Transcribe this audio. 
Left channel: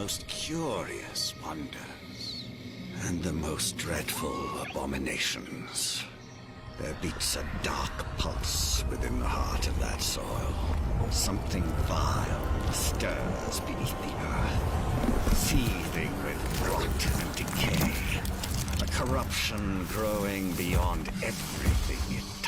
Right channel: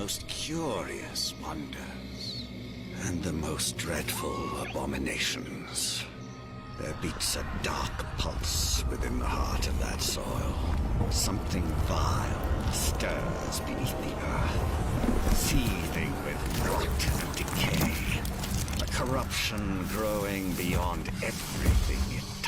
most curious wonders, and the most dreadful abominations. There beats a dark pulse within the heart of that soil. Something vile stirs beneath the earth, seething with rot and decay. A corruption growing beyond everything it